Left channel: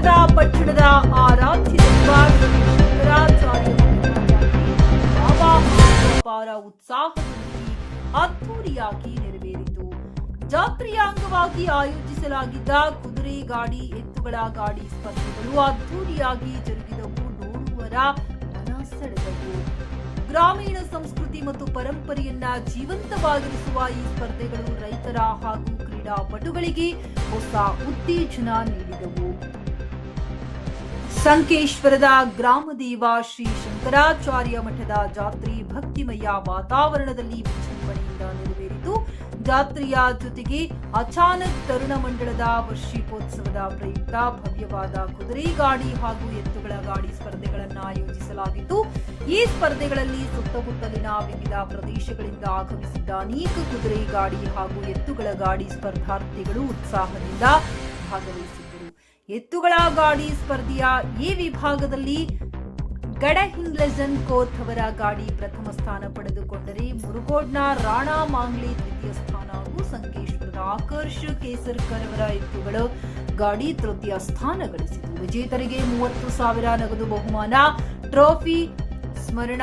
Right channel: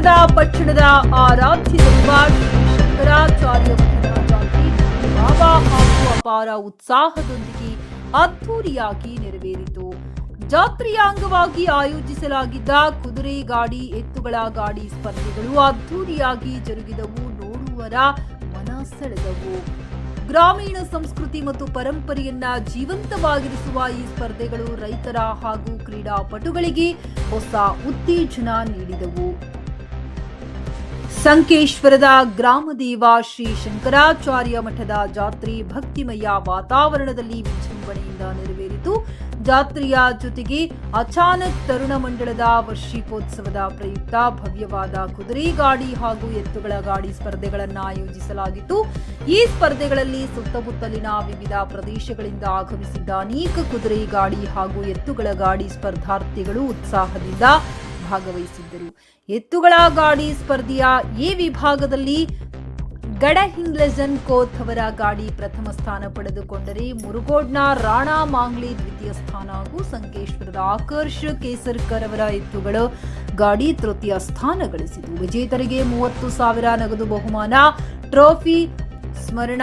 ಸಂಕೇಶ್ವರದ ಪಟ್ಟಣದ ಆರಾಧ್ಯ ದೈವ ಶ್ರೀ ಶಂಕರಾಚಾರ್ಯ ಜಾತ್ರೆ ಬಾಬಾ ಹಾಗೂ ಅಪಾರ ಉತ್ಸಾಹದೊಂದಿಗೆ ಅದ್ದೂರಿಯಾಗಿ ನೆರವೇರಿತು. ಜಾತ್ರೆಯ ಅಂಗವಾಗಿ ಆಯೋಜಿಸಲಾಗಿದ್ದ ಕುದುರೆ ಗಾಡಿ, ಎತ್ತುಗಳ ಗಾಡಿ ಸ್ಪರ್ಧೆಗಳು ಅದ್ದೂರಿಯಾಗಿ ಜರುಗಿದವು. ನೋಡುವರ ಮನ ಸೆಳೆದವು. ಗ್ರಾಮೀಣ ಸಂಸ್ಕೃತಿ ಮತ್ತು ಪರಂಪರೆಯನ್ನ ಜೀವಂತವಾಗಿರಿಸುವ ಈ ಸ್ಪರ್ಧೆಗಳು ರೈತರ ಹಾಗೂ ಕ್ರೀಡಾಪಟುಗಳಿಗೆ ಹೊಸ ಉತ್ತೇಜನ ನೀಡಿದವು. ಸಂಕೇಶ್ವರದ ಗ್ರಾಮದೇವ ಶ್ರೀ ಶಂಕರಾಚಾರ್ಯ ಮಠದ ಜಾತ್ರೆ ಭಕ್ತಿಮಯ ವಾತಾವರಣದಲ್ಲಿ ವಿಜೃಂಭಣೆಯಿಂದ ನೆರವೇರಿತು. ಜಾತ್ರೆಯ ಜೊತೆಗೆ ಅಚಾನಕ್ ತರುಣ ಮಂಡಳದ ವಾರ್ಷಿಕೋತ್ಸವದ ಪ್ರಯುಕ್ತ ಭವ್ಯವಾದ ಕುದುರೆ ಗಾಡಿ ಹಾಗೂ ಎತ್ತುಗಳ ಗಾಡಿ ಸ್ಪರ್ಧೆಗಳನ್ನು ಆಯೋಜಿಸಲಾಗಿತ್ತು. ಈ ಸ್ಪರ್ಧೆಗಳಲ್ಲಿ ಸುತ್ತಮುತ್ತಲಿನ ವಿವಿಧ ಪ್ರದೇಶಗಳಿಂದ ಆಗಮಿಸಿದ್ದ ಅನೇಕ ಕುದುರೆ ಗಾಡಿ ಹಾಗೂ ಎತ್ತುಗಳ ಗಾಡಿ ಸ್ಪರ್ಧಾರ್ಥಿಗಳು ಉತ್ಸಾಹದಿಂದ ಭಾಗವಹಿಸಿದ್ದರು. ಎತ್ತುಗಳ ಗಾಡಿ ಸ್ಪರ್ಧೆಯ ಎ ವಿಭಾಗದಲ್ಲಿ ಗಡಹಿಂಗ್ಲಜನ್ ಕೋತ್ ಅವರ ಗಾಡಿ ಪ್ರಥಮ ಸ್ಥಾನ ಪಡೆದುಕೊಂಡರೆ, ಮುರುಗೋಡ್ನ ರಾಣಾ ಮಾಂಗ್ಲೆ ದ್ವಿತೀಯ ಸ್ಥಾನ ಹಾಗೂ ಸಂಕೇಶ್ವರದ ಆಕರ್ಷ್ ಕೇಸರ್ಕರ್ ಅವರ ಎತ್ತುಗಳ ಗಾಡಿ ತೃತೀಯ ಸ್ಥಾನ ಗಳಿಸಿತು. ವಿಜೇತರಿಗೆ 30,000 ನಗದು ಬಹುಮಾನ, ಟ್ರೋಫಿ, ಸ್ಮರಣ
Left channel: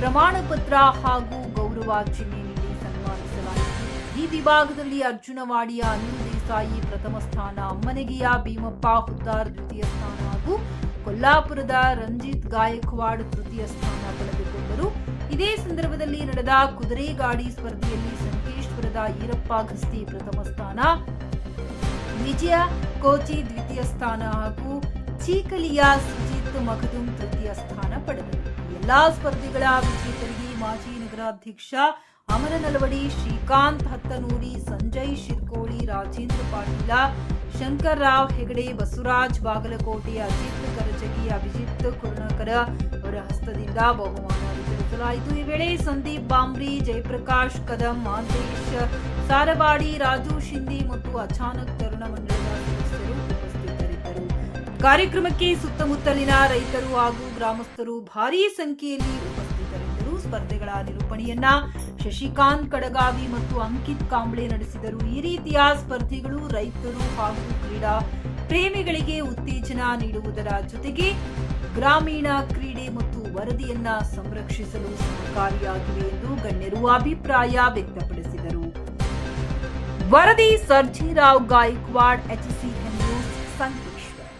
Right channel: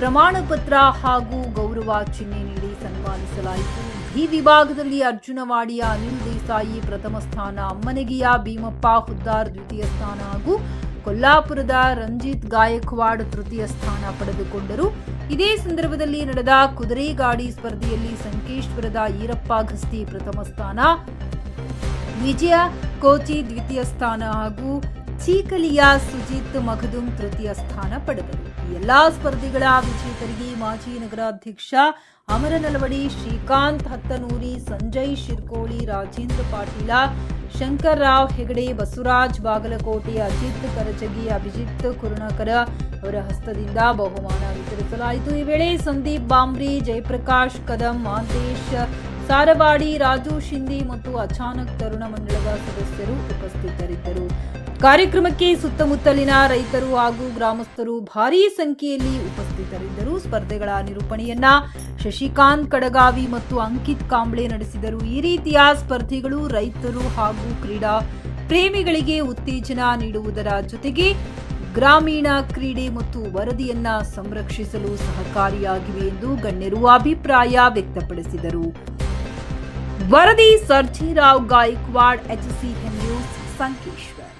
ಪ್ರಮಾಣ ಪತ್ರ ಹಾಗೂ ಗೌರವ ಚಿಹ್ನೆ ನೀಡಿ ಸನ್ಮಾನಿಸಲಾಯಿತು. ಈ ವಿಭಾಗದಲ್ಲಿ ಅರ್ಜುನವಾಡಿಯ ಅನಿಲ್ ದೇಸಾಯಿ ಪ್ರಥಮ ಸ್ಥಾನ, ಅಮ್ಮನಗಿಯ ಭೀಮಪ್ಪ ಹುದ್ದಾರ್ ದ್ವಿತೀಯ ಸ್ಥಾನ ಹಾಗೂ ಕೊಲ್ಲಾಪುರದ ರಂಜಿತ್ ಗಾಯಕ್ವಾಡ್ ತೃತೀಯ ಸ್ಥಾನ ಪಡೆದುಕೊಂಡರು. ಇದೇ ಸಂದರ್ಭದಲ್ಲಿ ನಡೆದ ಕುದುರೆ ಗಾಡಿ ಸ್ಪರ್ಧೆಯಲ್ಲಿ ಸಂಕೇಶ್ವರದ ಈರಪ್ಪ ಗಸ್ತಿ ಪ್ರಥಮ ಸ್ಥಾನ, ವಿಜಯ ಕೋಚಿ ದ್ವಿತೀಯ ಸ್ಥಾನ ಹಾಗೂ ಚೀಕಲಿಯ ಸುಜಿತ್ ಮಖದುಂ ತೃತೀಯ ಸ್ಥಾನ ಪಡೆದರು. ಈ ಎಲ್ಲಾ ಸ್ಪರ್ಧೆಗಳ ವಿಜೇತರಿಗೆ ಮಾಜಿ ನಗರಾಧ್ಯಕ್ಷ ಅಮರ ನಲವಡಿ, ಶ್ರೀಕಾಂತ್ ಹತ್ತನೂರಿ, ಸಂಜಯ್ ಶಿರ್ಕೋಳಿ, ರಾಜೇಂದ್ರ ಪಾಟೀಲ, ಶಂಕರ್ ರಾವ್ ಹೆಗಡೆ, ಬಸವರಾಜ್ ಬಾಗಲಕೋಟೆ, ಅಜಿತ್ ಕರಜಗಿ, ಅಭಿಜಿತ್ ಕುರ್ಣಕರ ಅವರ ಹಸ್ತದಿಂದ ಬಹುಮಾನ ವಿತರಿಸಲಾಯಿತು. ಈ ವೇಳೆ ಸಂದೀಪ್ ಬಾಂಬ್ರಿ, ಜಯಪ್ರಕಾಶ್ ಕದಂ, ಮಾಂತೇಶ್ ಸಾರವಾಡಿ, ರಾಜು ಶಿಂದಿ ಮತ್ತು ಅಚಾನಕ್ ತರುಣ ಮಂಡಳದ ಸದಸ್ಯರು ಉಪಸ್ಥಿತರಿದ್ದರು. ಕಾರ್ಯಕ್ರಮಕ್ಕೆ ಸುತ್ತಮುತ್ತಲಿನ ರೈತರು ಹಾಗೂ ಗ್ರಾಮಸ್ಥರು ಭಾರೀ ಸಂಖ್ಯೆಯಲ್ಲಿ ಉಪಸ್ಥಿತರಿದ್ದರು. ಸ್ಪರ್ಧೆಗಳ ನಿರೂಪಣೆಯನ್ನ ಶಶಿಕಾಂತ್ ಕಡಗಾವಿ ಮತ್ತು ಅಂಕಿತ್ ಕಾಂಬ್ಳೆ ನಡೆಸಿದರು. ಈ ರೀತಿಯ ಸ್ಪರ್ಧೆಗಳು ರೈತರು ಹಾಗೂ ಕ್ರೀಡಾ ಪ್ರೇಮಿಗಳಿಗೆ ಉತ್ತೇಜನ ನೀಡುವುದರ ಜೊತೆಗೆ ಗ್ರಾಮೀಣ ಕ್ರೀಡೆ ಮತ್ತು ವರದಿಯನ್ನ ಸಂರಕ್ಷಿಸಲು ಸಹಕಾರಿಯಾಗಿವೆ ಎಂದು ಗಣ್ಯರು ಅಭಿಪ್ರಾಯ ವ್ಯಕ್ತಪಡಿಸಿದರು. ವರದಿ ಸರ್ಜೇರಾವ್ ಗಾಯಕ್ವಾಡ್, HCN ನ್ಯೂಸ್, ಸಂಕೇಶ್ವರ್.